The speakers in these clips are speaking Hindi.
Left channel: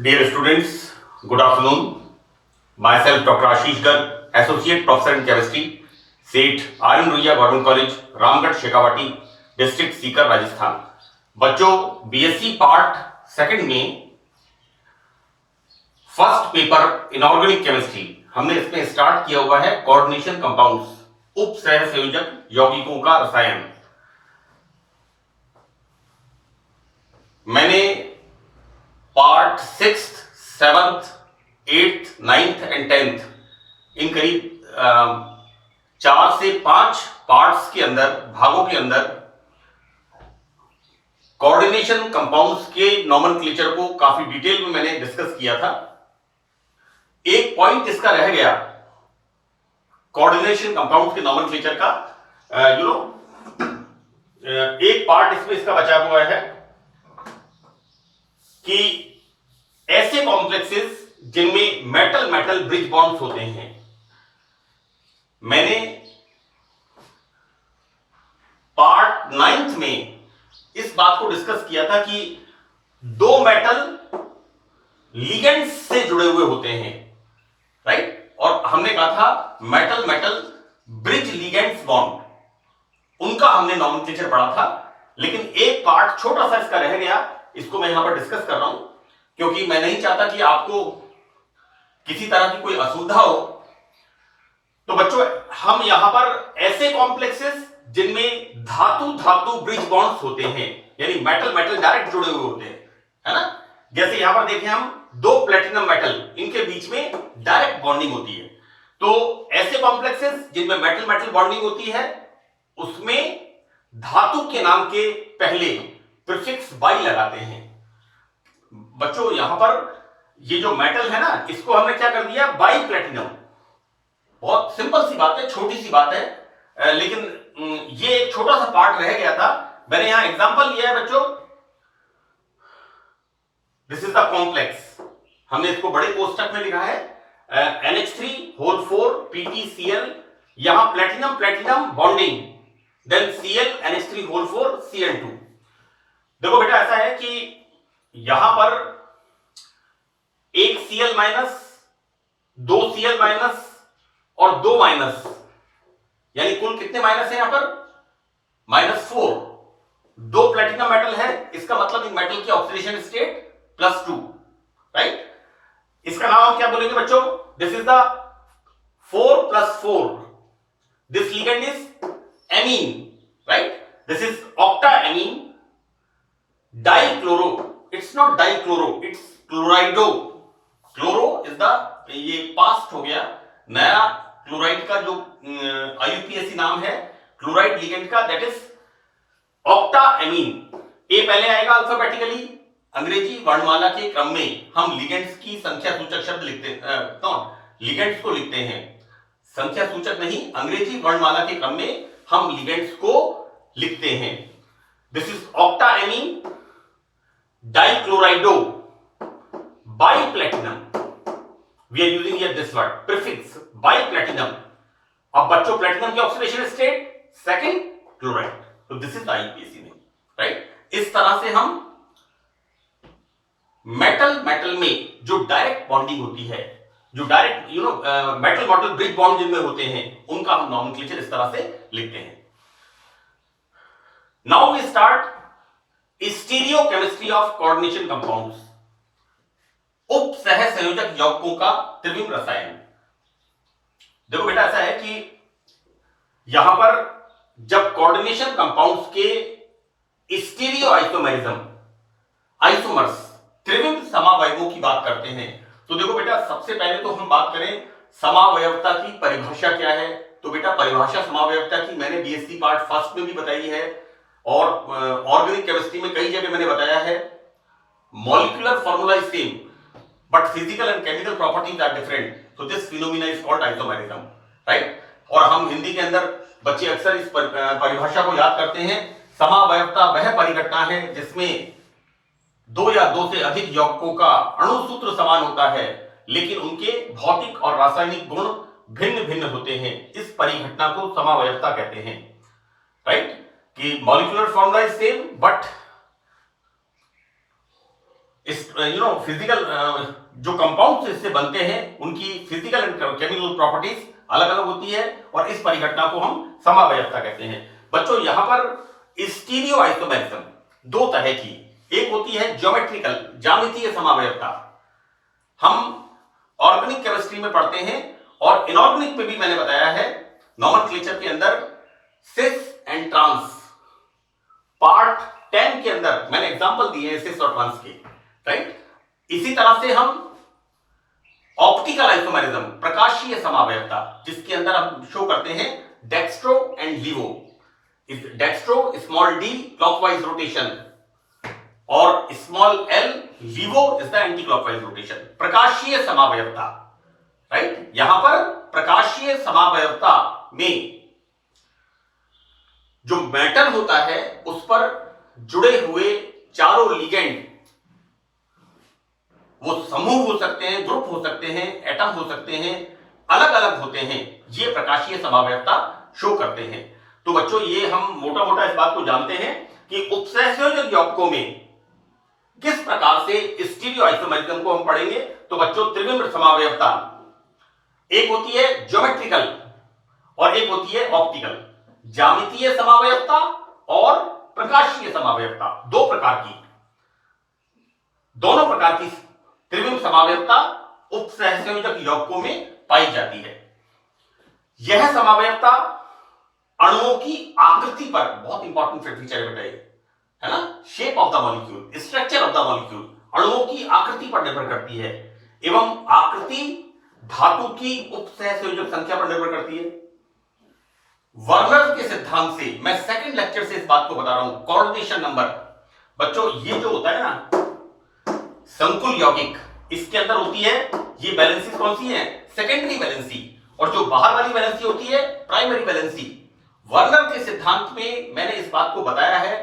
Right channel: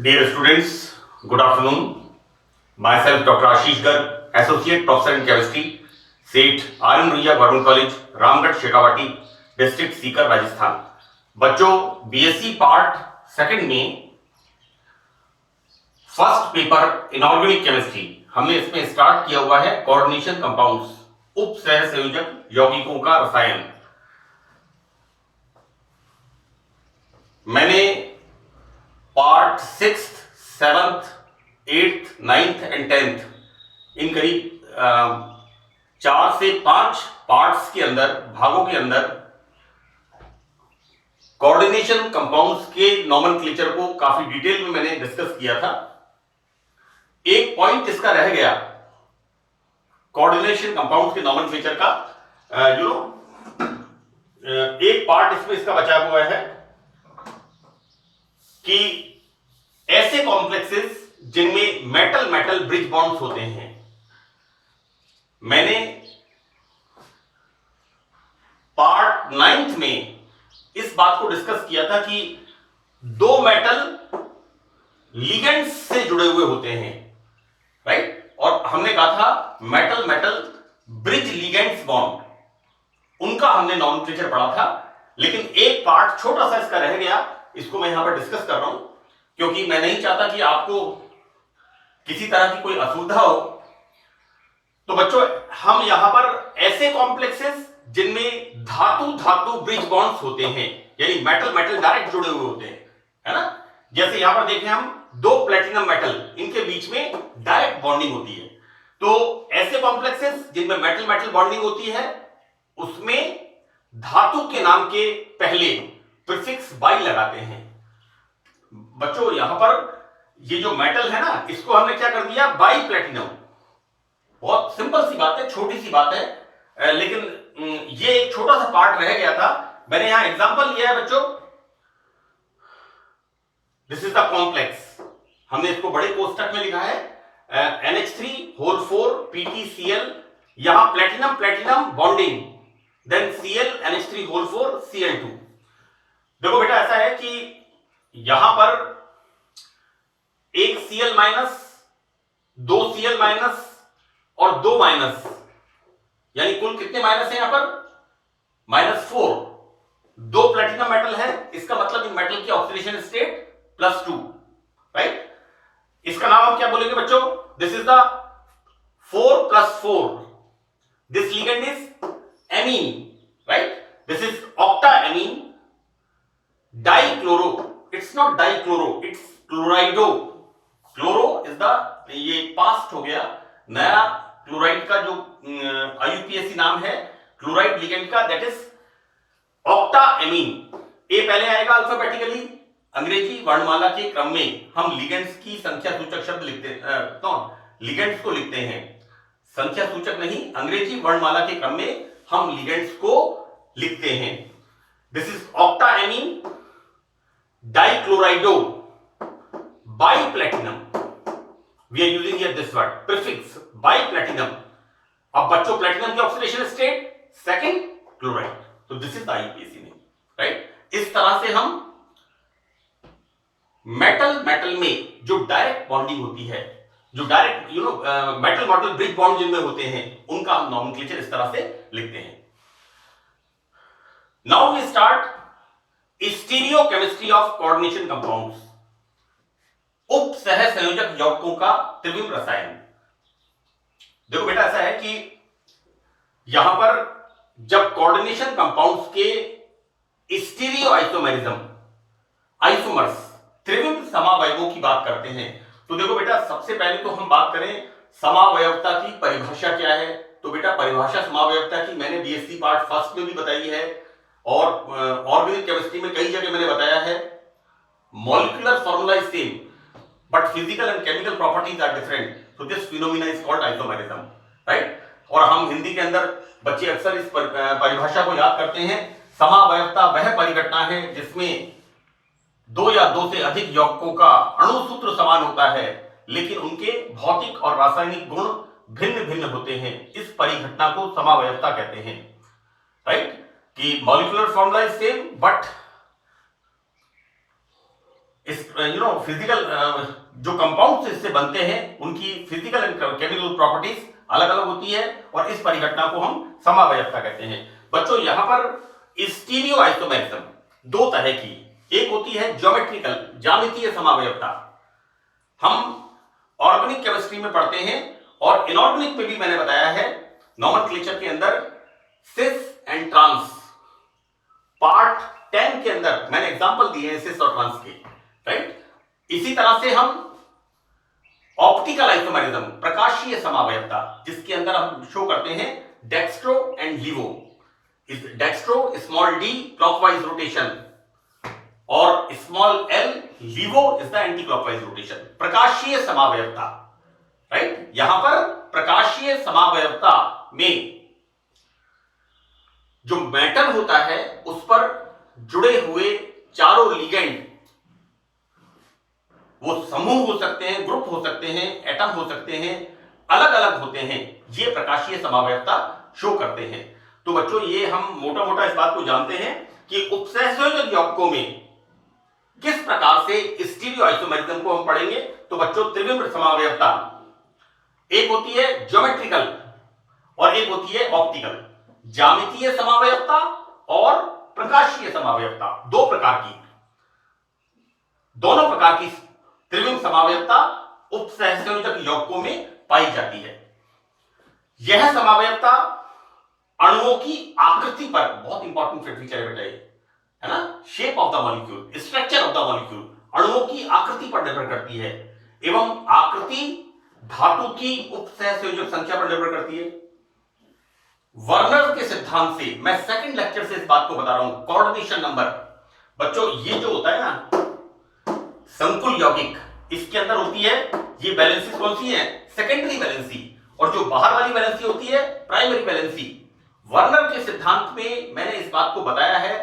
Dear students, good afternoon. Myself Dr. Ashish Garg, Associate Professor in Chemistry, Seth R N Ruia government college, Ramgarh Shekhawati, district Sikar, Rajasthan. बच्चों, बीएससी पार्ट सेकंड में फर्स्ट पेपर इनऑर्गेनिक केमिस्ट्री हमने इसमें स्टार्ट किया हुआ है कोऑर्डिनेशन कंपाउंड्स, उप सह संयोजक यौगिकों का रसायन। मैंने part 6th, 7th, 8th, 9th and 10th इन करीब 4 से 5 पार्ट्स के अंदर, भागों के अंदर कोऑर्डिनेशन कंपाउंड्स के नॉमेनक्लेचर को काफी डिटेल में मैंने डिस्कस किया था। एक पॉइंट इसका रह गया कोऑर्डिनेशन कंपाउंड्स के नॉमेनक्लेचर का, एक पार्ट इसमें इसका बचा हुआ है कि ऐसे कॉम्प्लेक्सेस जिनमें मेटल मेटल ब्रिज बॉन्ड्स होते हैं। मैंने पार्ट 9th में इस बात को डिस्कस किया था कि दो मेटल लिगेंड्स से जुड़े हुए होते हैं, राइट। और हमने कहा था metal metal bridge ligands bond, उनका हमने नॉमेनक्लेचर पढ़ा था। लेकिन एक पार्ट छोटा सा इसका रह गया, इसको मैं यहां पर डिस्कस कर रहा हूं क्योंकि मैं नहीं चाहता कि आपको किसी तरह की कोई असुविधा हो। तो बच्चों, हम यहां पर ऐसे कॉम्प्लेक्सेस जिनमें धातु धातु ब्रिज बॉन्ड्स होते हैं, यानी मेटल मेटल डायरेक्ट जुड़े हुए होते हैं, है ना। जैसे यहां पर देखें हम दो प्लेटिनम मेटल, इनके बीच में डायरेक्ट बॉन्डिंग होती है। तो ऐसे कॉम्प्लेक्सेस जिनमें मेटल मेटल बॉन्डिंग होती है, उसमें धातु के नाम के पहले प्रीफिक्स बाई लगाते हैं। बच्चों, यहां पर ये जो मेटल है ना, इसको हमने क्या कर दिया, बाई प्लेटिनम। बहुत सिंपल सी बात है, छोटी सी बात है, लेकिन ये एक छोटा सा पार्ट रह गया था। मैंने यहां एग्जांपल लिया है बच्चों, दिस इज द कॉम्प्लेक्स। हमने इसको बड़े कोष्टक में लिखा है NH3 PtCl, यहां platinum platinum bonding, then Cl NH3 Cl2। देखो बेटा, ऐसा है कि यहां पर एक Cl माइनस, दो Cl माइनस और दो माइनस, यानी कुल कितने माइनस है यहां पर, -4। दो प्लेटिनम मेटल है, इसका मतलब इन मेटल की ऑक्सीडेशन स्टेट +2, राइट। इसका नाम हम क्या बोलेंगे बच्चों, this is the 4 + 4, this ligand is amine, right. This is octa amine dichloro, it's not dichloro, it's क्लोराइडो। Chloro is the, ये पास्ट हो गया, नया क्लोराइड का जो IUPAC नाम है क्लोराइड लिगेंड का, दैट इज ऑक्टा एमीन। ए पहले आएगा अल्फाबेटिकली, अंग्रेजी वर्णमाला के क्रम में हम लिगेंड्स की संख्या सूचक शब्द लिखते लिगेंड्स को लिखते हैं, संख्या सूचक नहीं, अंग्रेजी वर्णमाला के क्रम में हम लिगेंड्स को लिखते हैं। This is octa amine dichlorido biplatinum, we are using here this word prefix biplatinum. अब बच्चों, प्लैटिनम की ऑक्सीडेशन स्टेट सेकंड क्लोराइड, तो this is IUPAC name, right. इस तरह से हम मेटल मेटल में जो डायरेक्ट बॉन्डिंग होती है, जो direct metal metal bridge bond जिनमें होते हैं, उनका हम नॉमेनक्लेचर इस तरह से लिखते हैं। Now we start stereochemistry of coordination compounds, उप सह संयोजक यौगिकों का त्रिविम रसायन। देखो बेटा, ऐसा है कि यहां पर जब कोऑर्डिनेशन कंपाउंड्स के स्टीरियो आइसोमेरिज्म, आइसोमर्स, त्रिविम समावयवों की बात करते हैं, तो देखो बेटा, सबसे पहले तो हम बात करें समावयवता की परिभाषा क्या है। तो बेटा, परिभाषा समावयवता की मैंने बीएससी पार्ट फर्स्ट में भी बताई है और ऑर्गेनिक केमिस्ट्री में कई जगह मैंने बताया है। Molecular formula is same but physical and chemical properties are different, so this phenomena is called isomerism, right. और हम हिंदी के अंदर बच्चे अक्सर इस परिभाषा को याद करते हैं। समावयवता वह परिघटना है जिसमें दो या दो से अधिक यौगिकों का अणु सूत्र समान होता है, लेकिन उनके भौतिक और रासायनिक गुण भिन्न भिन्न होते हैं। इस परिघटना को समावयवता कहते हैं, राइट। कि molecular formula is same but इस फिजिकल जो कंपाउंड्स इससे बनते हैं उनकी फिजिकल एंड केमिकल प्रॉपर्टीज अलग अलग होती है और इस परिघटना को हम समावयवता कहते हैं। बच्चों यहां पर स्टीरियो आइसोमेरिज्म दो तरह की, एक होती है ज्योमेट्रिकल ज्यामितीय समावयवता, हम ऑर्गेनिक केमिस्ट्री में पढ़ते हैं और इनऑर्गेनिक में भी मैंने बताया है नॉमेनक्लेचर के अंदर सिस एंड ट्रांस, पार्ट 10 के अंदर मैंने एग्जांपल दिए हैं सिस और ट्रांस के, राइट। इसी तरह से हम ऑप्टिकल आइसोमेरिज्म प्रकाशीय समावयवता जिसके अंदर हम शो करते हैं dextro and laevo, dextro small D clockwise rotation और small L laevo is the anti clockwise rotation, प्रकाशीय समावयवता, राइट। यहां पर प्रकाशीय समावयवता में जो मेटल होता है उस पर जुड़े हुए चारों लिगेंड, वो समूह हो सकते हैं, ग्रुप हो सकते हैं, एटम हो सकते हैं, अलग अलग होते हैं, ये प्रकाशीय समावयवता शो करते हैं। तो बच्चों ये हम मोटा मोटा इस बात को जानते हैं कि उपसहसंयोजक यौगिकों में किस प्रकार से स्टीरियो आइसोमेरिज्म को हम पढ़ेंगे। तो बच्चों त्रिविम समावयवता एक होती है ज्योमेट्रिकल और एक होती है ऑप्टिकल, ज्यामितीय समावयवता और प्रकाशीय समावयवता, दो प्रकार की, दोनों प्रकार की त्रिविम समावयवता उपसहसंयोजक यौगिकों में पाई जाती है। यह समावयवता अणुओं की आकृति पर बहुत इंपॉर्टेंट फीचर है ना, shape of the molecule, structure of the molecule, अणुओं की आकृति पर निर्भर करती है एवं आकृति धातु की उपसहसंयोजक संख्या पर निर्भर करती है। वर्नर के सिद्धांत से मैं सेकंड लेक्चर से इस बात को बता रहा हूं, कोऑर्डिनेशन नंबर। बच्चों ये जो होता है ना संकुल यौगिक, इसके अंदर होती है ये वैलेंसी कौन सी है, सेकेंडरी वैलेंसी, और जो बाहर वाली वैलेंसी होती है प्राइमरी वैलेंसी। वर्नर के सिद्धांत में मैंने इस बात को बताया है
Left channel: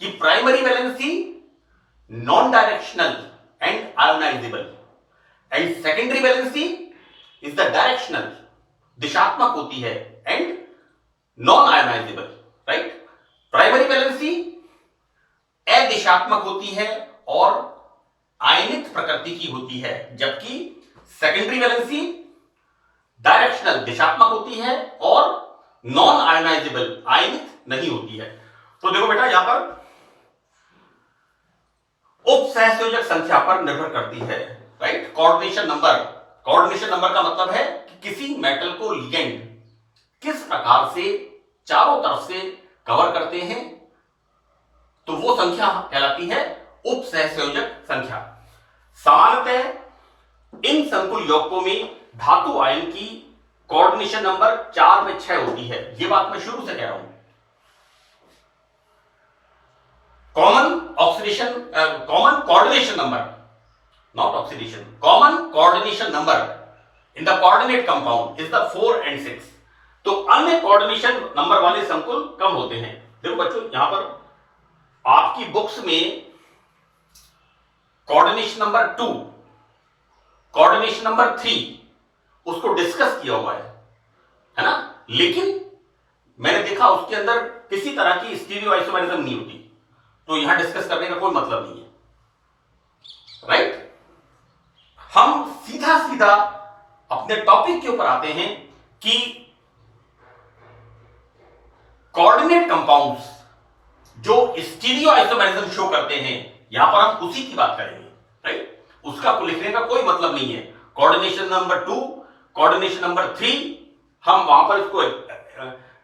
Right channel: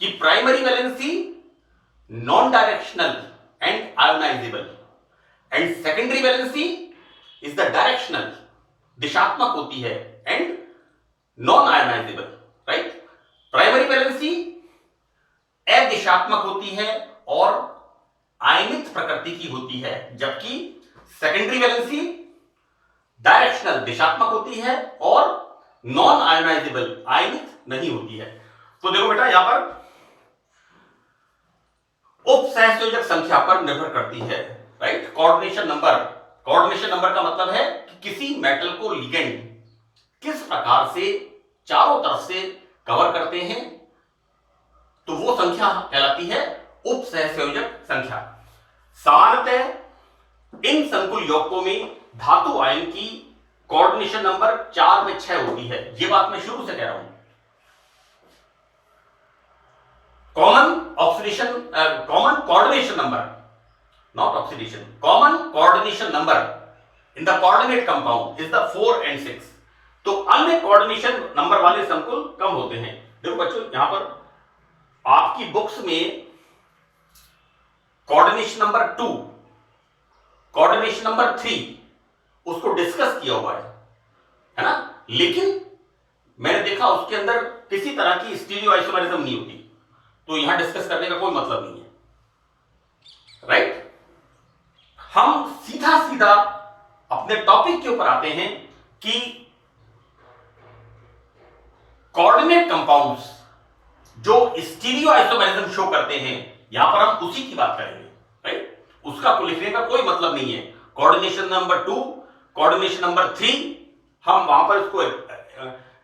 कि primary valency non directional and ionisable and secondary valency is the directional, दिशात्मक होती है, and non ionisable, right. Primary valency अदिशात्मक होती है और आयनित प्रकृति की होती है, जबकि सेकेंडरी वैलेंसी डायरेक्शनल दिशात्मक होती है और नॉन आयोनाइजेबल आयनित नहीं होती है। तो देखो बेटा यहां पर उपसहसंयोजक संख्या पर निर्भर करती है, right. Coordination number, coordination number का मतलब है कि किसी मेटल को लिगेंड किस प्रकार से चारों तरफ से कवर करते हैं, तो वो संख्या कहलाती है उपसहसंयोजक संख्या। सामान्यतः इन संकुल यौगिकों में धातु आयन की कोऑर्डिनेशन नंबर 4 में 6 होती है, ये बात मैं शुरू से कह रहा हूं। Common oxidation, common coordination number, not oxidation, common coordination number in the coordinate compound is the 4 and 6। तो अन्य कोऑर्डिनेशन नंबर वाले संकुल कम होते हैं। देखो बच्चों यहां पर आपकी बुक्स में कोऑर्डिनेशन नंबर 2, कोऑर्डिनेशन नंबर 3 उसको डिस्कस किया हुआ है ना, लेकिन मैंने देखा उसके अंदर किसी तरह की स्टीरियो आइसोमेरिज्म नहीं होती, तो यहां डिस्कस करने का कोई मतलब नहीं है, राइट। हम सीधा सीधा अपने टॉपिक के ऊपर आते हैं कि कोऑर्डिनेट कंपाउंड्स जो स्टीरियो आइसोमेरिज्म शो करते हैं, यहां पर हम उसी की बात करेंगे, राइट। उसका को लिखने का कोई मतलब नहीं है। कोऑर्डिनेशन नंबर 2, कोऑर्डिनेशन नंबर 3, हम वहां पर इसको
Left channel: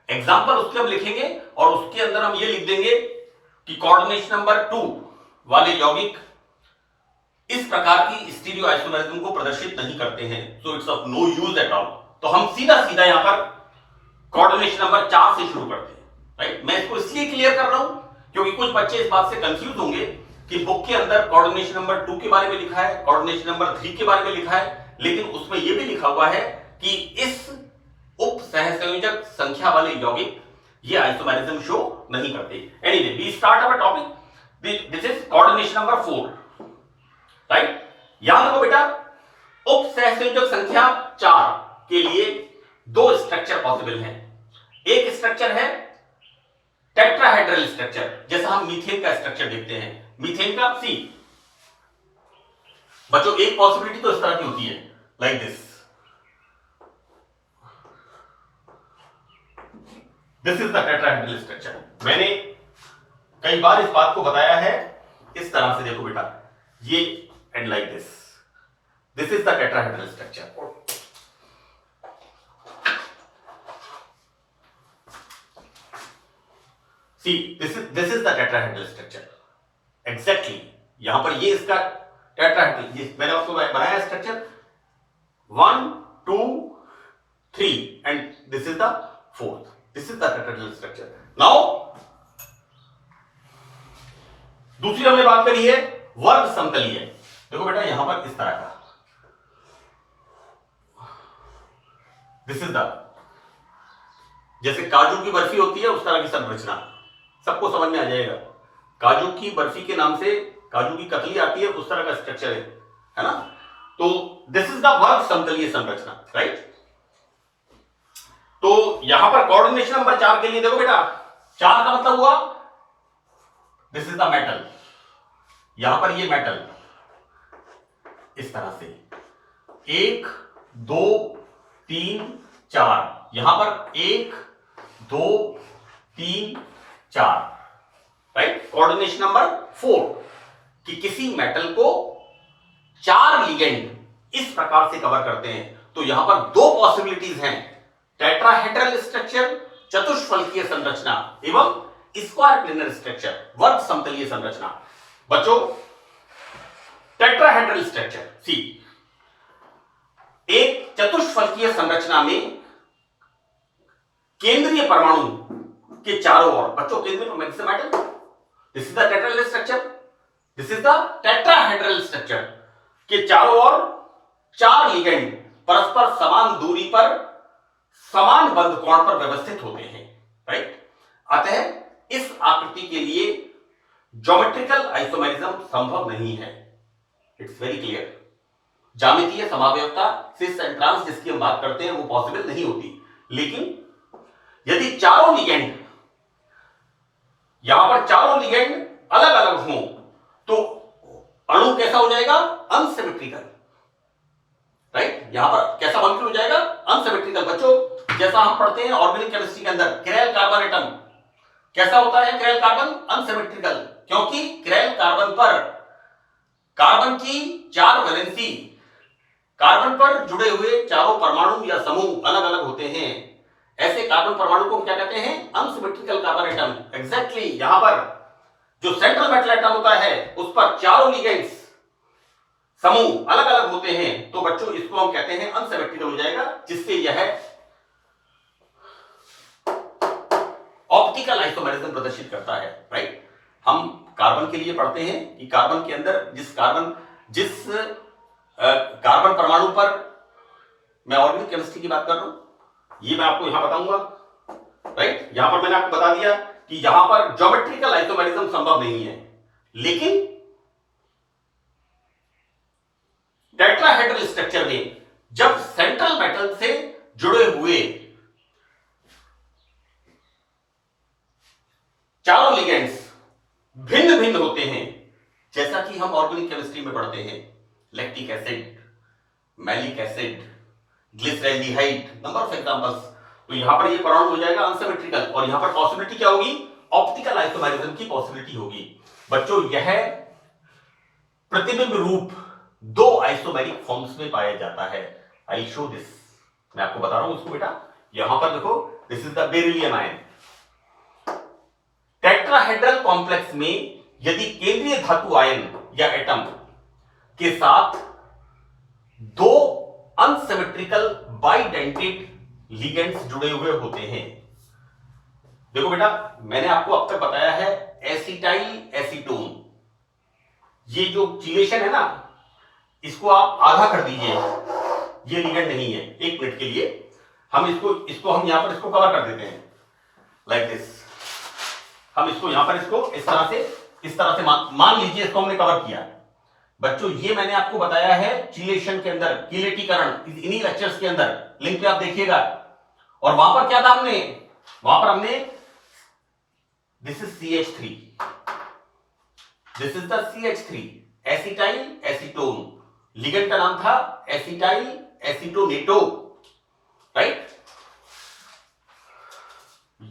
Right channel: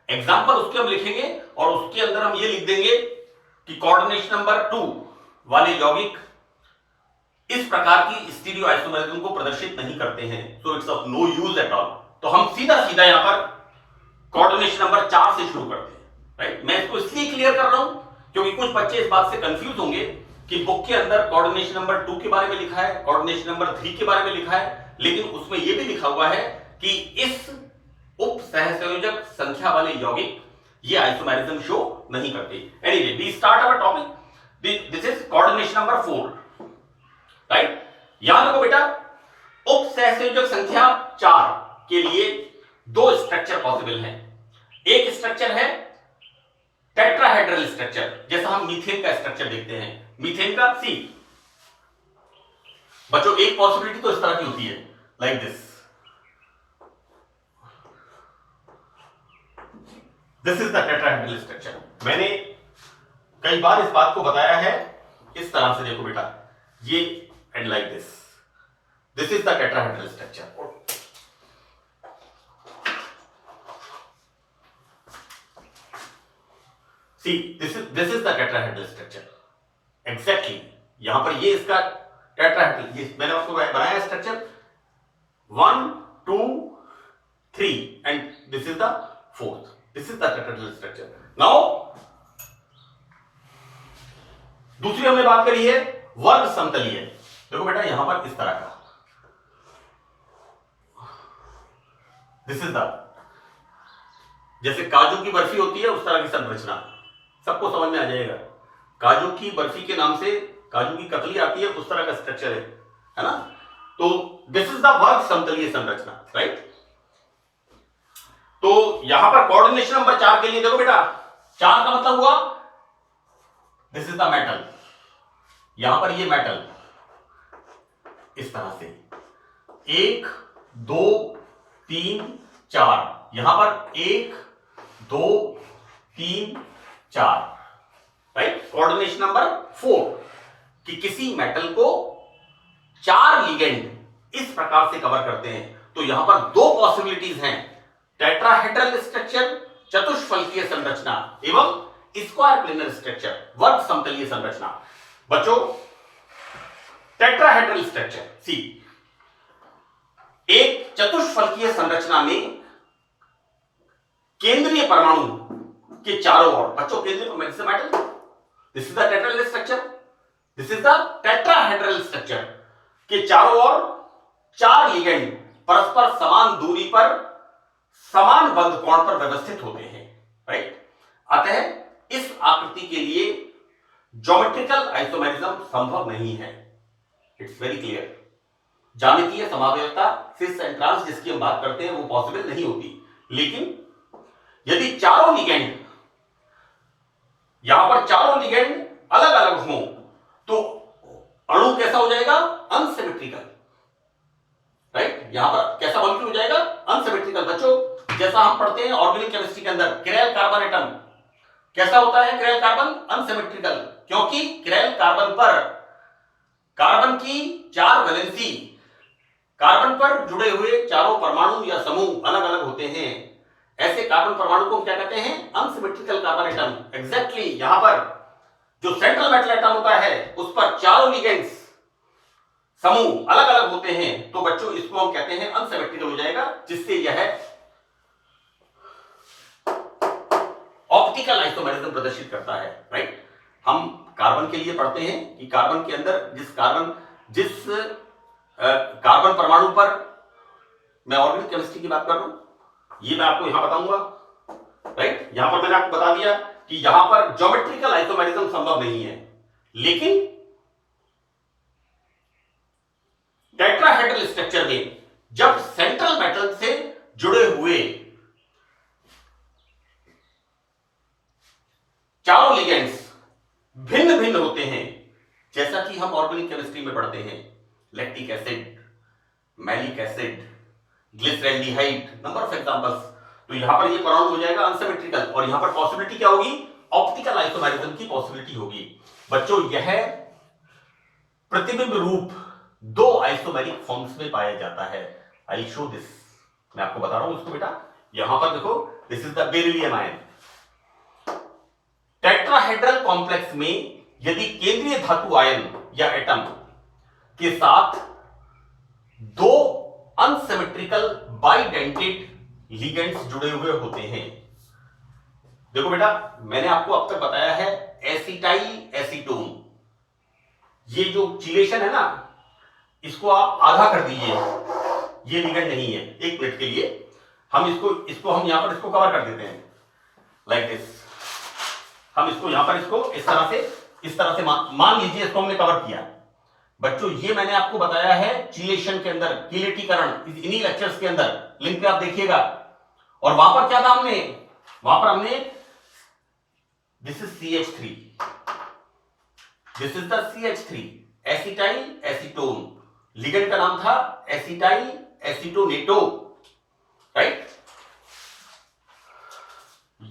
एग्जांपल उसके हम लिखेंगे और उसके अंदर हम ये लिख देंगे कि कोऑर्डिनेशन नंबर 2 वाले यौगिक इस प्रकार की स्टीरियो आइसोमेरिज्म को प्रदर्शित नहीं करते हैं, so it's of no use at all. तो हम सीधा सीधा यहां पर कोऑर्डिनेशन नंबर 4 से शुरू करते हैं, राइट। मैं इसको इसलिए क्लियर कर रहा हूं क्योंकि कुछ बच्चे इस बात से कंफ्यूज होंगे कि बुक के अंदर कोऑर्डिनेशन नंबर 2 के बारे में लिखा है, कोऑर्डिनेशन नंबर 3 के बारे में लिखा है, लेकिन उसमें यह भी लिखा हुआ है कि इस उप सहसंयोजक संख्या वाले यौगिक ये आइसोमेरिज्म शो नहीं करते। Anyway we start our topic, this is coordination number 4, right. याद रखो बेटा उप सहसंयोजक संख्या 4 के लिए दो स्ट्रक्चर पॉसिबल हैं। एक स्ट्रक्चर है टेट्राहेड्रल स्ट्रक्चर, जैसा हम मीथेन का स्ट्रक्चर देखते हैं, मीथेन का सी बच्चों एक पॉसिबिलिटी तो इस तरह की होती है, like this is the tetrahedral structure. मैंने कई बार इस बात को बताया है इस तरह से, देखो बेटा ये and like this is the tetrahedral structure. See this is the tetrahedral structure exactly. यहां पर ये इसका टेट्राहेड्रल, ये मैंने आपको बनाया structure 1 2 3 and this is the fourth, this is the tetrahedral structure. Now दूसरी हमने बात करी है वर्ग समतलीय। देखो बेटा यहां पर इस तरह का, दिस इज द, जैसे काजू की बर्फी होती है उस तरह की संरचना, सबको समझ में आ जाएगा। काजू की बर्फी के नाम से काजू की कतली आती है, उस तरह का स्ट्रक्चर है ना। तो दिस इज द वर्ग समतलीय संरचना, राइट। तो यहां पर कोऑर्डिनेशन नंबर 4 के लिए देखो बेटा, 4 का मतलब हुआ दिस इज द मेटल, यहां पर ये मेटल इस तरह से 1 2 3 4, यहां पर 1 2 3 4, राइट। कोऑर्डिनेशन नंबर 4 कि किसी मेटल को 4 लिगेंड इस प्रकार से कवर करते हैं। तो यहां पर 2 पॉसिबिलिटीज हैं, टेट्राहेड्रल स्ट्रक्चर चतुष्फलकीय संरचना एवं स्क्वायर प्लेनर स्ट्रक्चर वर्ग समतलीय संरचना। बच्चों टेट्राहेड्रल स्ट्रक्चर सी, एक चतुष्फलकीय संरचना में केंद्रीय परमाणु के चारों ओर, बच्चों केंद्रीय metal, this is the tetrahedral structure, this is the tetrahedral structure के चारों ओर 4 लिगेंड परस्पर समान दूरी पर समान बंध कोण पर व्यवस्थित होते हैं, राइट। अतः इस आकृति के लिए ज्योमेट्रिकल आइसोमेरिज्म संभव नहीं है, इट्स वेरी क्लियर। ज्यामितीय समावयवता सिस एंड ट्रांस जिसकी हम बात करते हैं वो पॉसिबल नहीं होती। लेकिन यदि चारों लिगेंड, यहां पर चारों लिगेंड अलग अलग हों तो अणु कैसा हो जाएगा, अनसिमेट्रिकल, राइट। यहां पर कैसा मॉलिक्यूल हो जाएगा, अनसिमेट्रिकल। बच्चों जैसा हम पढ़ते हैं ऑर्गेनिक केमिस्ट्री के अंदर, किरैल कार्बन एटम कैसा होता है, किरैल कार्बन अनसिमेट्रिकल, क्योंकि किरैल कार्बन पर कार्बन की 4 वैलेंसी, कार्बन पर जुड़े हुए चारों परमाणु या समूह अलग अलग होते हैं। ऐसे कार्बन परमाणु को क्या कहते हैं, अनसिमेट्रिकल कार्बन एटम। एग्जैक्टली यहां पर जो सेंट्रल मेटल एटम होता है उस पर चारों लिगेंड्स समूह अलग अलग होते हैं, तो बच्चों इसको हम कहते हैं अनसिमेट्रिकल हो जाएगा, जिससे यह ऑप्टिकल आइसोमेरिज्म प्रदर्शित करता है, राइट। हम कार्बन के लिए पढ़ते हैं कि कार्बन के अंदर जिस कार्बन परमाणु पर, मैं ऑर्गेनिक केमिस्ट्री की बात कर रहा हूं, ये मैं आपको यहां बताऊंगा, राइट। यहां पर मैंने आपको बता दिया कि यहां पर ज्योमेट्रिकल आइसोमेरिज्म संभव नहीं है। लेकिन टेट्राहेड्रल स्ट्रक्चर में जब सेंट्रल मेटल से जुड़े हुए चारों लिगेंड्स भिन्न भिन्न होते हैं, जैसा कि हम ऑर्गेनिक केमिस्ट्री में पढ़ते हैं, lactic acid, malic acid, glyceraldehyde, number of examples, तो यहां पर ये परमाणु हो जाएगा अनसिमेट्रिकल, और यहां पर पॉसिबिलिटी क्या होगी, ऑप्टिकल आइसोमेरिज्म की पॉसिबिलिटी होगी। बच्चों यह प्रतिबिंब रूप 2 आइसोमेरिक फॉर्म्स में पाया जाता है। आई शो दिस, मैं आपको बता रहा हूं इसको बेटा, यहां पर देखो, this is the beryllium ion. Tetrahedral complex में यदि केंद्रीय धातु आयन या एटम के साथ 2 अनसिमेट्रिकल बाइडेंटेड लिगेंड्स जुड़े हुए होते हैं, देखो बेटा मैंने आपको अब तक बताया है एसिटाइल एसीटोन, ये जो चिलेशन है ना, इसको आप आधा कर दीजिए, ये लिगेंड नहीं है। एक मिनट के लिए हम इसको हम यहां पर इसको कवर कर देते हैं, लाइक दिस। हम इसको यहां पर इसको इस तरह से मान लीजिए इसको हमने कवर किया। बच्चों ये मैंने आपको बताया है चिलेशन के अंदर, कीलेटीकरण, इन्हीं लेक्चर्स के अंदर, लिंक पे आप देखिएगा। और वहां पर क्या था, वहां पर हमने this is CH3, this is the CH3 acetyl acetone, ligand का नाम था एसिटाइल एसीटोनेटो, राइट।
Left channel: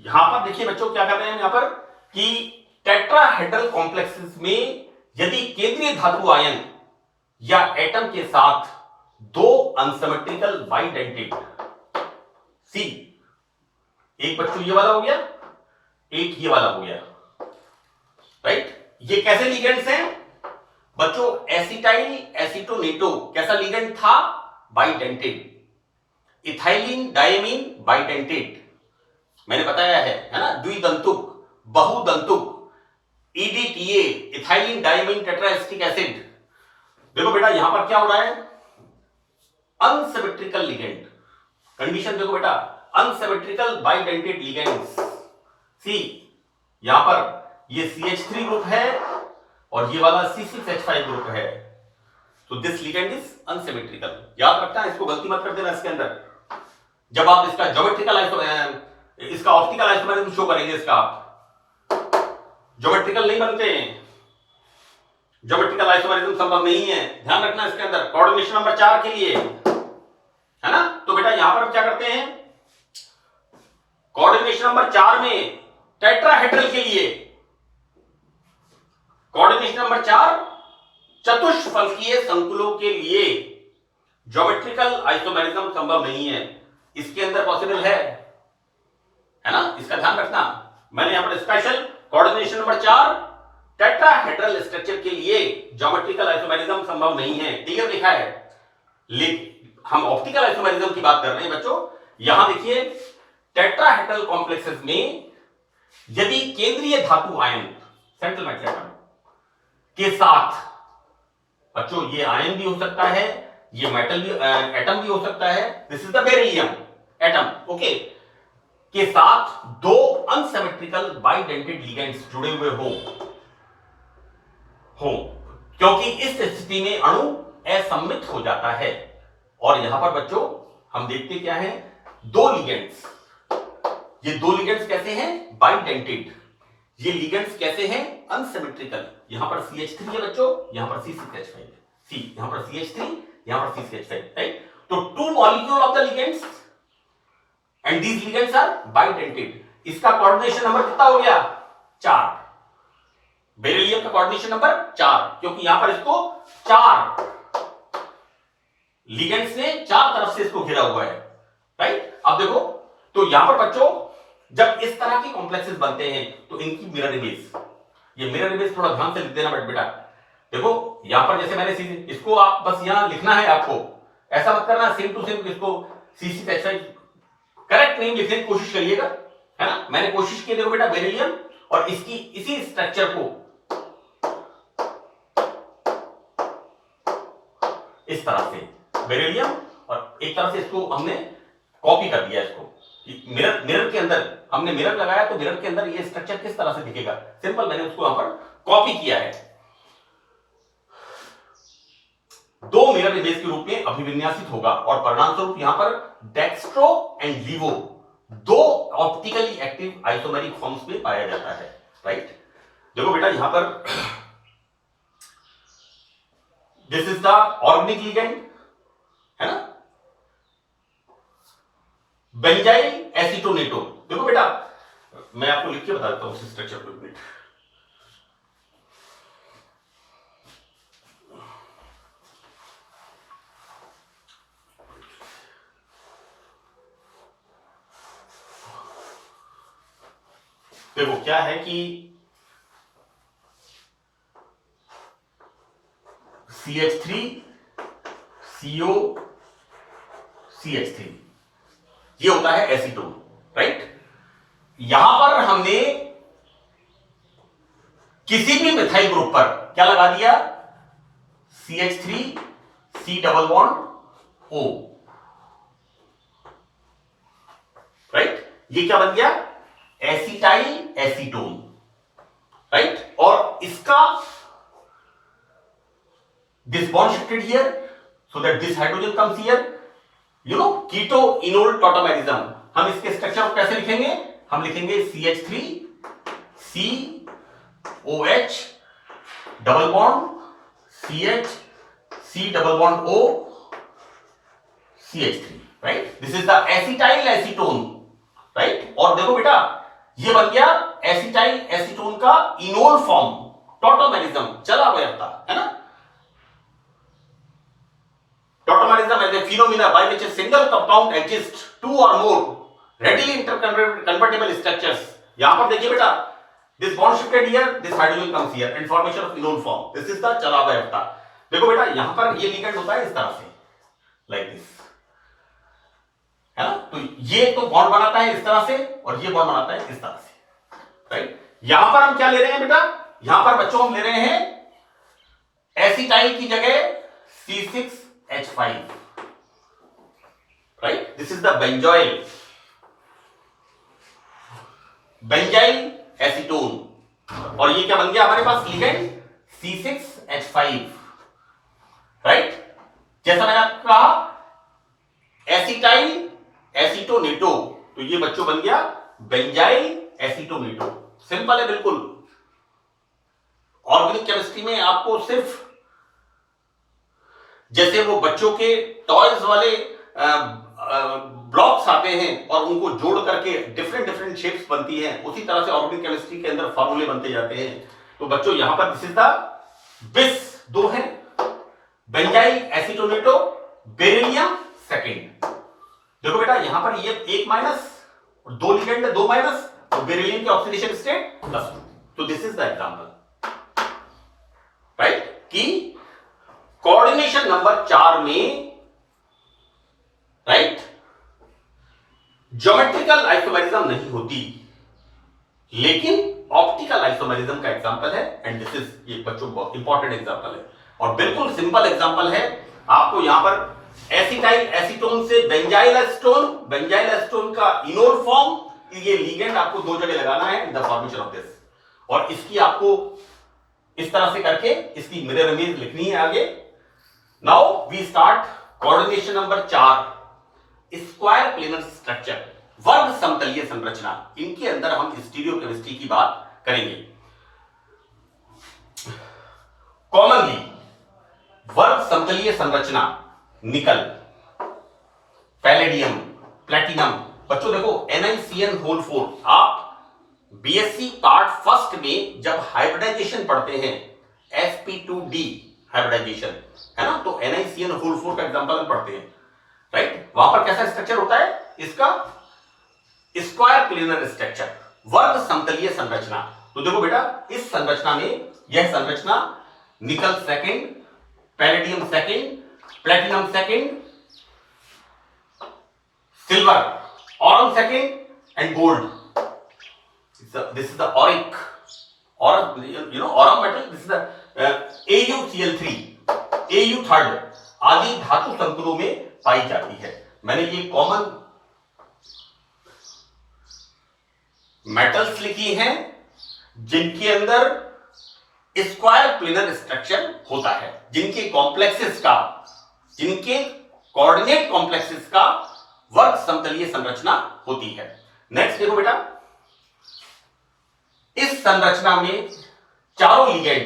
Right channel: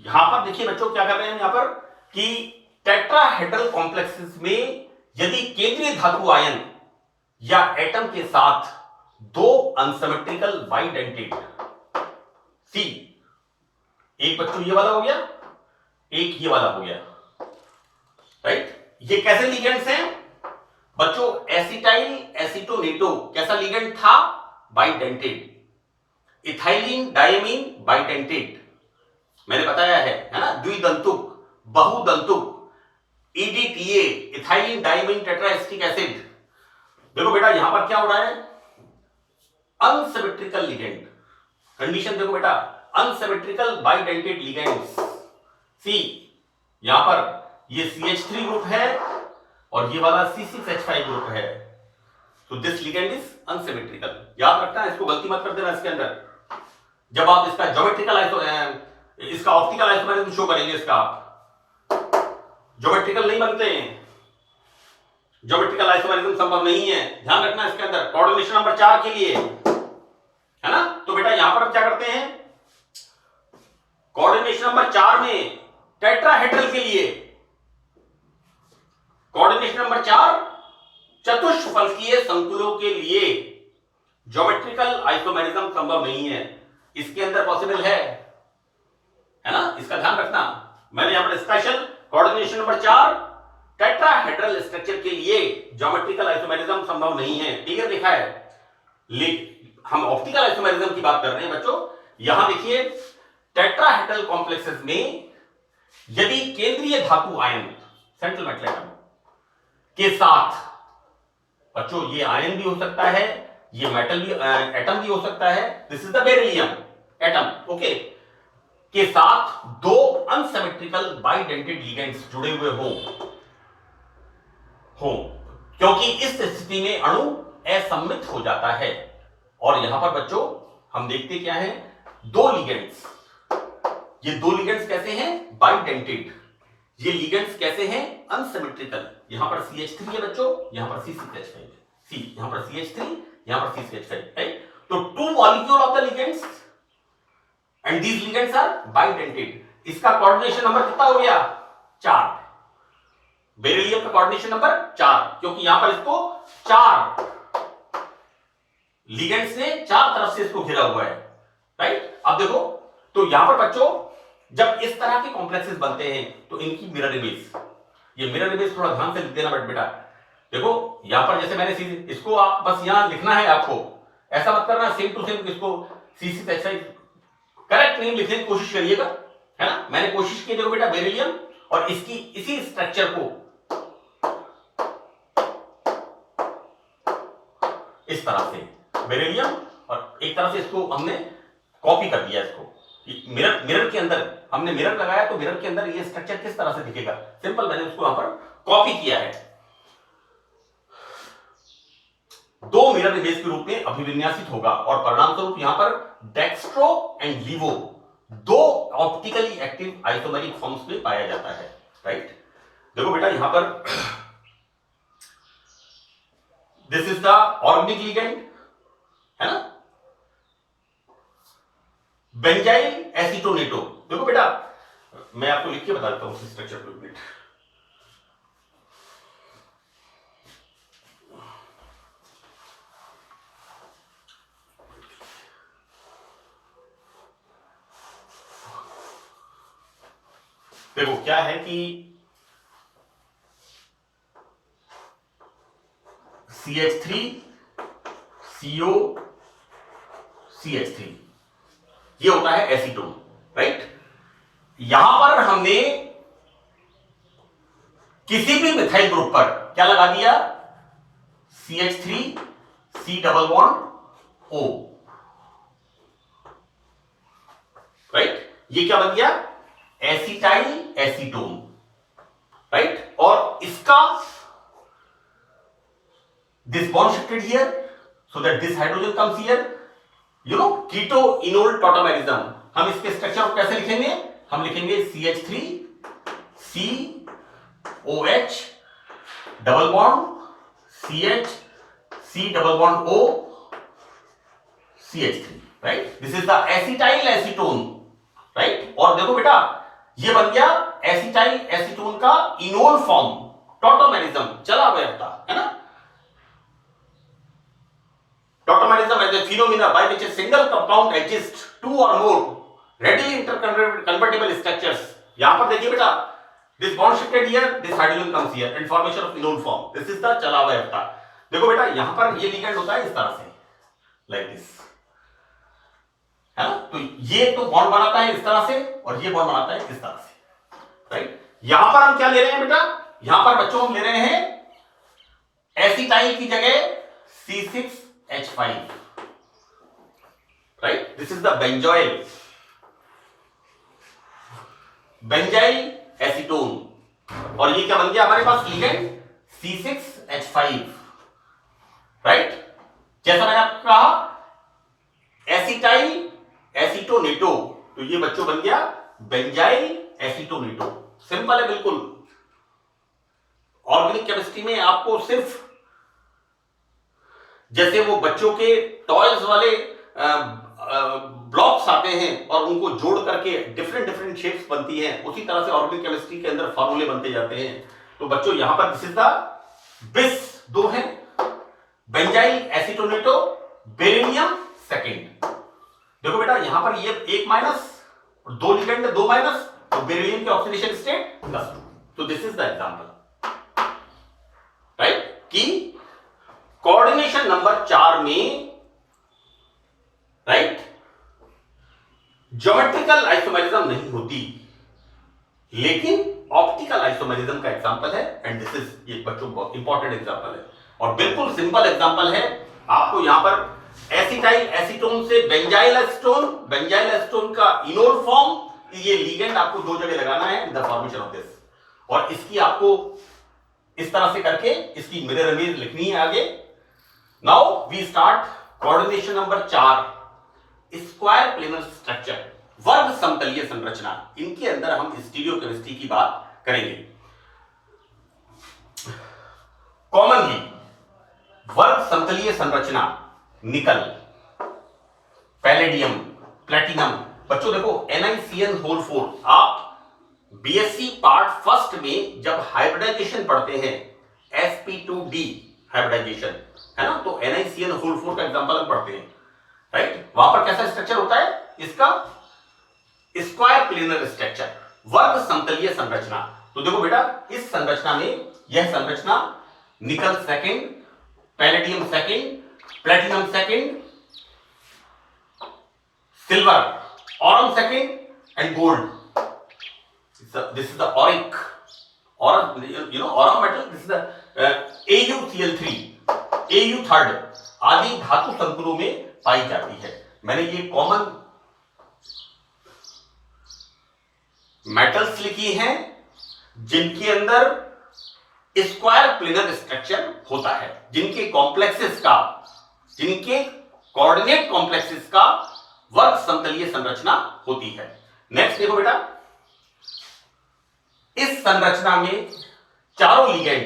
यहां पर देखिए बच्चों क्या कर रहे हैं यहां पर कि टेट्राहेड्रल कॉम्प्लेक्सेस में यदि केंद्रीय धातु आयन या एटम के साथ दो अनसिमेट्रिकल बाइडेंटेड, सी एक बच्चों ये वाला हो गया, एक ये वाला हो गया, राइट। ये कैसे लिगेंड्स हैं बच्चों? एसिटाइल एसीटोनेटो कैसा लिगेंड था? बाइडेंटेड। इथाइलिन डायमीन बाइडेंटेड, मैंने बताया है ना, द्विदंतुक, बहुदंतुक, EDTA, इथाइलिन डायमीन टेट्राएस्टिक एसिड। देखो बेटा यहां पर क्या हो रहा है? अनसिमेट्रिकल लिगेंड, कंडीशन देखो बेटा, अनसिमेट्रिकल बाइडेंटेड लिगेंड्स। सी यहां पर ये CH3 ग्रुप है और ये वाला C6H5 ग्रुप है, तो दिस लिगेंड इज अनसिमेट्रिकल। याद रखना, इसको गलती मत कर देना इसके अंदर। जब आप इसका ज्योमेट्रिकल इसका ऑप्टिकल आइसोमेरिज्म शो करेंगे, इसका ज्योमेट्रिकल नहीं बनते हैं, ज्योमेट्रिकल आइसोमेरिज्म संभव नहीं है, ध्यान रखना इसके अंदर। कोऑर्डिनेशन नंबर 4 के लिए है ना, तो बेटा यहां पर हम क्या करते हैं, कोऑर्डिनेशन नंबर 4 में टेट्राहेड्रल के लिए, कोऑर्डिनेशन नंबर 4 चतुष्फलकीय संकुलों के लिए ज्योमेट्रिकल आइसोमेरिज्म संभव नहीं है, इसके अंदर पॉसिबल है ना, इसका ध्यान रखना। मैंने यहां पर special coordination number 4 tetrahedral structure के लिए ज्योमेट्रिकल आइसोमेरिज्म संभव नहीं है, क्लियर लिखा है। हम ऑप्टिकल आइसोमेरिज्म की बात कर रहे हैं बच्चों। यहां देखिए टेट्राहेड्रल कॉम्प्लेक्सेस में यदि केंद्रीय धातु आयन सेंट्रल मेटल एटम के साथ, बच्चों ये आयन भी हो सकता है, ये मेटल भी एटम भी हो सकता है, this is the beryllium atom, okay, के साथ दो अनसिमेट्रिकल बाइडेंटेड लिगेंड्स जुड़े हुए हो, क्योंकि इस स्थिति में अणु असम्मित हो जाता है। और यहां पर बच्चों हम देखते क्या है, दो लिगेंड्स, ये दो लिगेंड्स कैसे हैं? बाइडेंटेड। ये लिगेंड्स कैसे हैं? अनसिमेट्रिकल। यहां पर CH3 है बच्चों, यहां पर C6H5 है, सी यहां पर CH3, यहां पर C6H5, राइट। तो two molecule of the ligands and these ligands are bidentate. इसका कोऑर्डिनेशन नंबर कितना हो गया? 4। बेरिलियम का कोऑर्डिनेशन नंबर 4, क्योंकि यहां पर इसको 4 लिगेंड्स ने 4 तरफ से इसको घिरा हुआ है, राइट। अब देखो, तो यहां पर बच्चों जब इस तरह के कॉम्प्लेक्सेस बनते हैं तो इनकी मिरर इमेज, ये मिरर इमेज थोड़ा ध्यान से लिख देना बेटा। देखो यहां पर जैसे मैंने इसको आप बस यहां लिखना है आपको, ऐसा मत करना सेम टू सेम इसको C6H5 करेक्ट नेम लिखने की कोशिश करिएगा, है ना। मैंने कोशिश की, देखो बेटा बेरिलियम और इसकी इसी स्ट्रक्चर को इस तरह से, बेरिलियम और एक तरह से इसको हमने कॉपी कर दिया, इसको मिरर के अंदर हमने मिरर लगाया, तो मिरर के अंदर ये स्ट्रक्चर किस तरह से दिखेगा, सिंपल मैंने उसको यहां पर कॉपी किया है। दो मिरर इमेज के रूप में अभिविन्यासित होगा और परिणाम स्वरूप यहां पर डेक्स्ट्रो एंड लीवो दो ऑप्टिकली एक्टिव आइसोमेरिक फॉर्म्स में पाया जाता है, राइट। देखो बेटा यहां पर this is the organic ligand, है ना, बेंजाइल एसीटोनेटो। देखो बेटा मैं आपको लिख के बता देता हूं स्ट्रक्चर को, मिनट। देखो क्या है कि CH3 CO CH3 ये होता है एसीटोन, राइट। यहां पर हमने किसी भी मिथाइल ग्रुप पर क्या लगा दिया? CH3 C double bond O, right. ये क्या बन गया? Acetyl acetone, right. और इसका this bond shifted here so that this hydrogen comes here, you know, keto enol tautomerism। हम इसके स्ट्रक्चर को कैसे लिखेंगे? हम लिखेंगे CH3 COH double bond CH C double bond O CH3, right? This is the acetyl acetone, right? और देखो बेटा ये बन गया एसिटाइल एसीटोन का इनोल फॉर्म, टॉटोमेरिज्म, चला वैधता, है ना? Tautomerism is a phenomena by which a single compound exists two or more readily interconvertible structures. यहां पर देखिए बेटा, this bond shifted here, this hydrogen comes here and formation of enol form. This is the चला वैधता. देखो बेटा यहां पर ये लिगेंड होता है इस तरह से, like this, है ना? तो ये तो बॉन्ड बनाता है इस तरह से और ये बॉन्ड बनाता है इस तरह से, राइट? यहां पर हम क्या ले रहे हैं बेटा? यहां पर बच्चों हम ले रहे हैं एसिटाइल की जगह C6H5, right? This is the benzyl acetone और ये क्या बन गया हमारे पास लिगेंड C6H5, राइट? जैसा मैंने आपको कहा एसिटाइल एसीटोनेटो, तो ये बच्चों बन गया बेंजाइल एसीटोनेटो। सिंपल है बिल्कुल। ऑर्गेनिक केमिस्ट्री में आपको सिर्फ जैसे वो बच्चों के टॉयज वाले ब्लॉक्स आते हैं और उनको जोड़ करके डिफरेंट डिफरेंट शेप्स बनती हैं, उसी तरह से ऑर्गेनिक केमिस्ट्री के अंदर फॉर्मूले बनते जाते हैं। तो बच्चों यहां पर दिस इज द बिस दो है, बेंजाइल एसीटोनेटो, बेरिलियम सेकेंड। देखो बेटा यहां पर ये एक माइनस और दो लिगेंड है, दो माइनस, तो बेरिलियम के ऑक्सीडेशन स्टेट +2। तो this is the example, right? कि कोऑर्डिनेशन नंबर 4 में, राइट, ज्योमेट्रिकल आइसोमेरिज्म नहीं होती, लेकिन ऑप्टिकल आइसोमेरिज्म का एग्जांपल है। एंड दिस इज, ये बच्चों बहुत इंपॉर्टेंट एग्जांपल है और बिल्कुल सिंपल एग्जांपल है। आपको यहां पर एसिटाइल एसीटोन से बेंजाइल एसीटोन, बेंजाइल एसीटोन का इनोल फॉर्म, ये लिगेंड आपको दो जगह लगाना है in the formation of this, और इसकी आपको इस तरह से करके इसकी मिरर इमेज लिखनी है आगे। Now we start coordination number 4, square planar structure, वर्ग समतलीय संरचना। इनके अंदर हम स्टीरियोकेमिस्ट्री की बात करेंगे। कॉमनली वर्ग समतलीय संरचना, निकल, पैलेडियम, प्लेटिनम। बच्चों देखो NiCN4, आप बीएससी पार्ट फर्स्ट में जब हाइब्रिडाइजेशन पढ़ते हैं, sp2d हाइब्रिडाइजेशन, है ना? तो NiCN4 का एग्जांपल हम पढ़ते हैं, राइट? वहां पर कैसा स्ट्रक्चर होता है इसका? स्क्वायर प्लेनर स्ट्रक्चर, वर्ग समतलीय संरचना। तो देखो बेटा इस संरचना में, यह संरचना nickel second, palladium second, platinum second, silver, Aurum second and gold. This is the auric, aurum, you know, aurum metal. This is the AuCl3, Au third आदि धातु संकुलों में पाई जाती है। मैंने ये कॉमन मेटल्स लिखी हैं जिनके अंदर स्क्वायर प्लेनर स्ट्रक्चर होता है, जिनके कॉम्प्लेक्सेस का, जिनके कोऑर्डिनेट कॉम्प्लेक्सेस का वर्ग समतलीय संरचना होती है। नेक्स्ट देखो बेटा, इस संरचना में चारों लिगेंड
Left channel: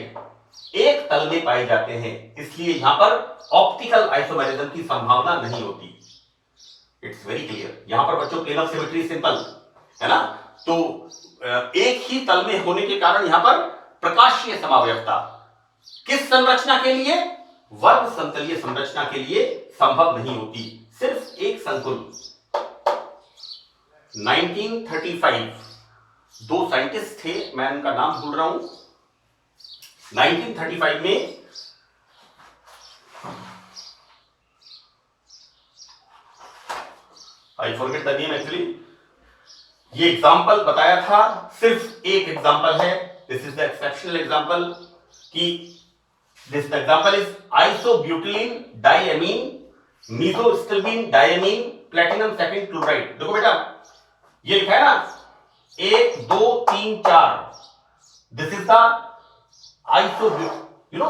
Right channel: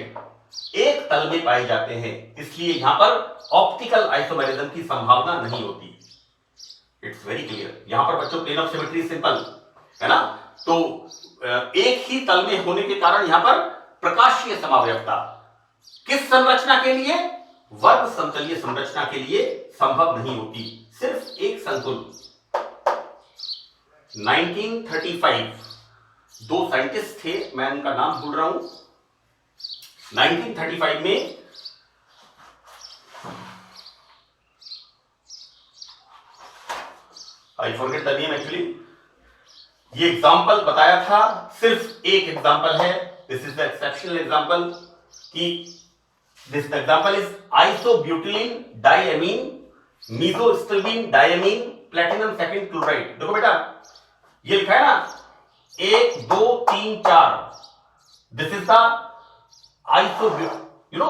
एक तल में पाए जाते हैं, इसलिए यहां पर ऑप्टिकल आइसोमेरिज्म की संभावना नहीं होती। It's very clear. यहां पर बच्चों प्लेन ऑफ सिमेट्री सिंपल है ना, तो एक ही तल में होने के कारण यहां पर प्रकाशीय समावयवता किस संरचना के लिए? वर्ग समतलीय संरचना के लिए संभव नहीं होती। सिर्फ एक संकुल 1935 दो साइंटिस्ट थे, मैं उनका नाम भूल रहा हूं, 1935 में I forget the name actually, ये एग्जांपल बताया था, सिर्फ एक एग्जांपल है, this is the exceptional example, कि this example is isobutylene diamine mesostilbene diamine platinum second chloride. देखो बेटा ये लिखा है ना 1 2 3 4, दिस इज द आइसोब्यूट, यू नो,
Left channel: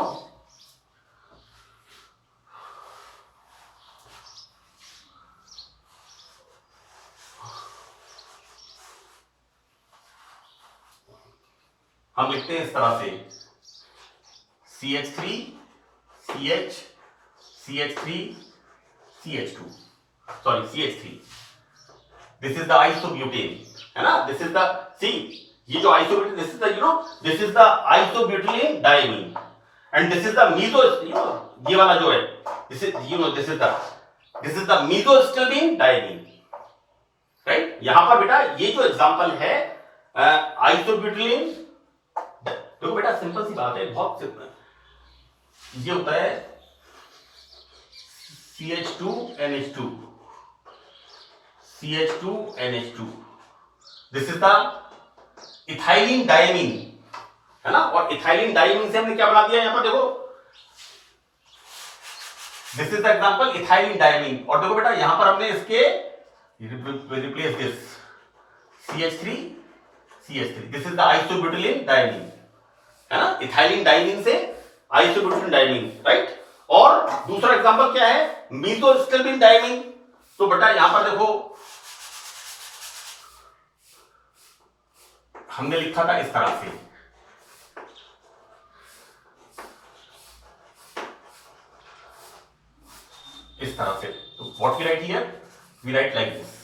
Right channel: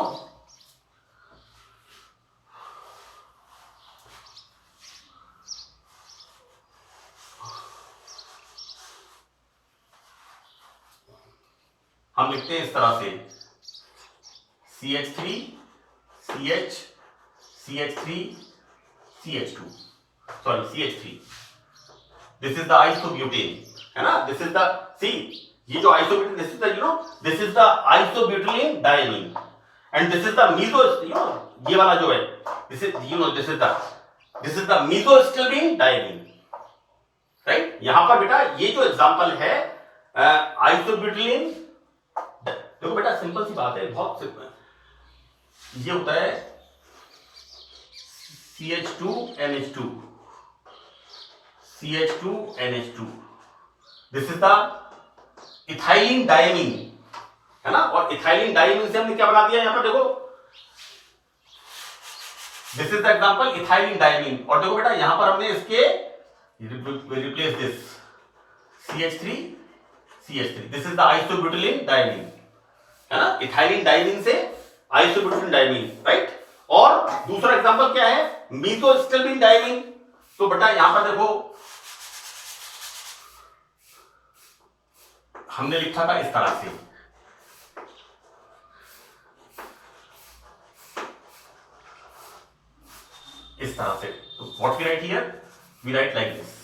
हम लिखते हैं इस तरह से CH3 CH CH3 CH2 sorry CH3, this is the isobutane, है ना, दिस इज द सी, ये जो isobutane, this is the this is the isobutylene diamine and this is the meso, ये वाला जो है this is this is the mesostilbene diamine, right. यहां पर बेटा ये जो एग्जांपल है आइसोब्यूटिलीन, देखो बेटा सिंपल सी बात है, बहुत सिंपल, ये होता है CH2NH2 CH2NH2, this is the ethylene diamine, है ना, और इथाइलिन डायमीन से हमने क्या बना दिया, यहां पर देखो this is the example ethylene diamine, और देखो बेटा यहां पर हमने इसके replace this CH3 CH3, this is the isobutylene diamine, है ना, इथाइलिन डायमीन से आइसोब्यूटिलीन डायमीन, राइट। और दूसरा एग्जांपल क्या है, मीसोस्टिल्बीन डायमीन, तो बेटा यहां पर देखो हमने लिखा था इस तरह से, इस तरह से, तो what we write here, we write like this,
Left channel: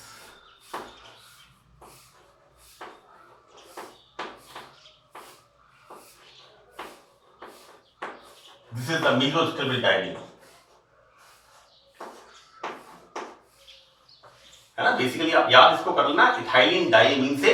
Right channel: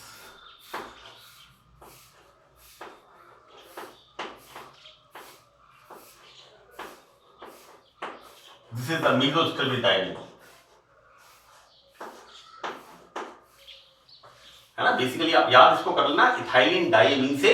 this is the mesostilbene diamine, है ना। बेसिकली आप याद इसको कर लेना, इथाइलिन डायमीन से,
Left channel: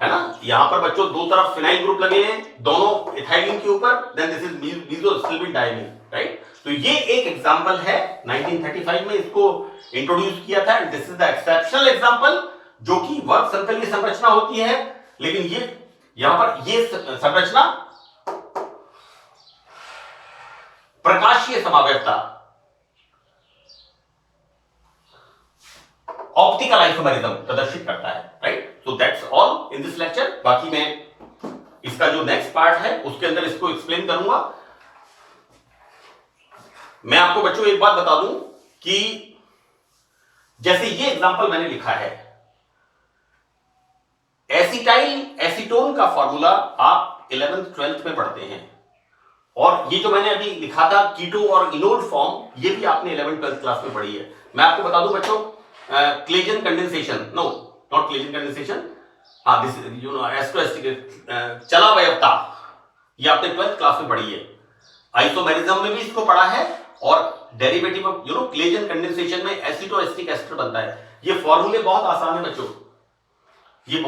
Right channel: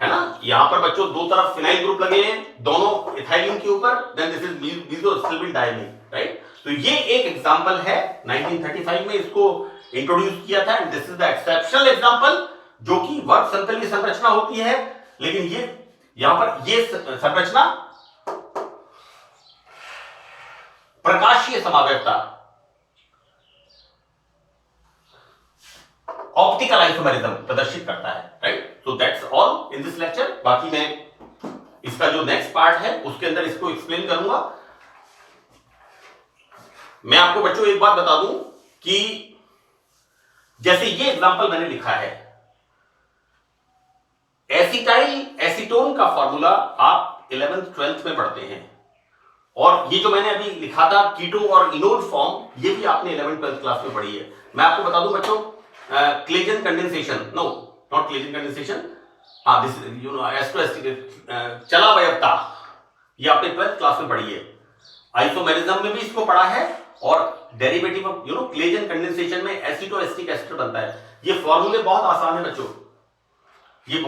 है ना, यहां पर बच्चों दो तरफ फिनाइल ग्रुप लगे हैं, दोनों इथाइलिन के ऊपर, then this is mesostilbene diamine, right. तो ये एक एग्जांपल है, 1935 में इसको इंट्रोड्यूस किया था, this is the exceptional example, जो कि वर्ग संतलीय संरचना होती है, लेकिन ये यहां पर ये संरचना प्रकाशीय समावयवता, ऑप्टिकल आइसोमेरिज्म प्रदर्शित करता है, राइट। तो that's all in this lecture, बाकी मैं इसका जो नेक्स्ट पार्ट है उसके अंदर इसको एक्सप्लेन करूंगा। मैं आपको बच्चों एक बात बता दूं कि जैसे ये एग्जांपल मैंने लिखा है, एसिटाइल एसीटोन का फॉर्मूला आप 11th 12th में पढ़ते हैं, और ये जो मैंने अभी लिखा था कीटो और इनोल फॉर्म, ये भी आपने 11th 12th क्लास में पढ़ी है। मैं आपको बता दूं बच्चों, Claisen condensation, no not Claisen condensation, हाँ दिस एस्टोएस्टिक चलावयवता, ये आपने 12th क्लास में पढ़ी है, आइसोमेरिज्म में भी इसको पढ़ा है, और डेरिवेटिव ऑफ क्लेजन कंडेंसेशन में एसिटोएस्टिक एस्टर बनता है। ये फॉर्मूले बहुत आसान है बच्चों, ये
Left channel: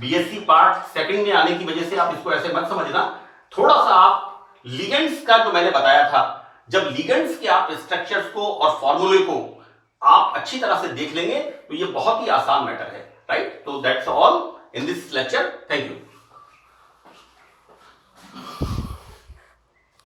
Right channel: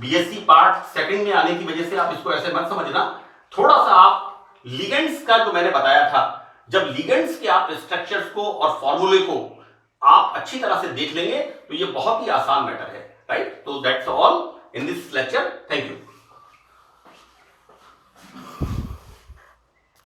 बीएससी पार्ट सेकंड में आने की वजह से आप इसको ऐसे मत समझना, थोड़ा सा आप लिगेंड्स का जो मैंने बताया था, जब लिगेंड्स के आप स्ट्रक्चर्स को और फॉर्मूले को आप अच्छी तरह से देख लेंगे तो ये बहुत ही आसान मैटर है, राइट। तो that's all in this lecture, thank you.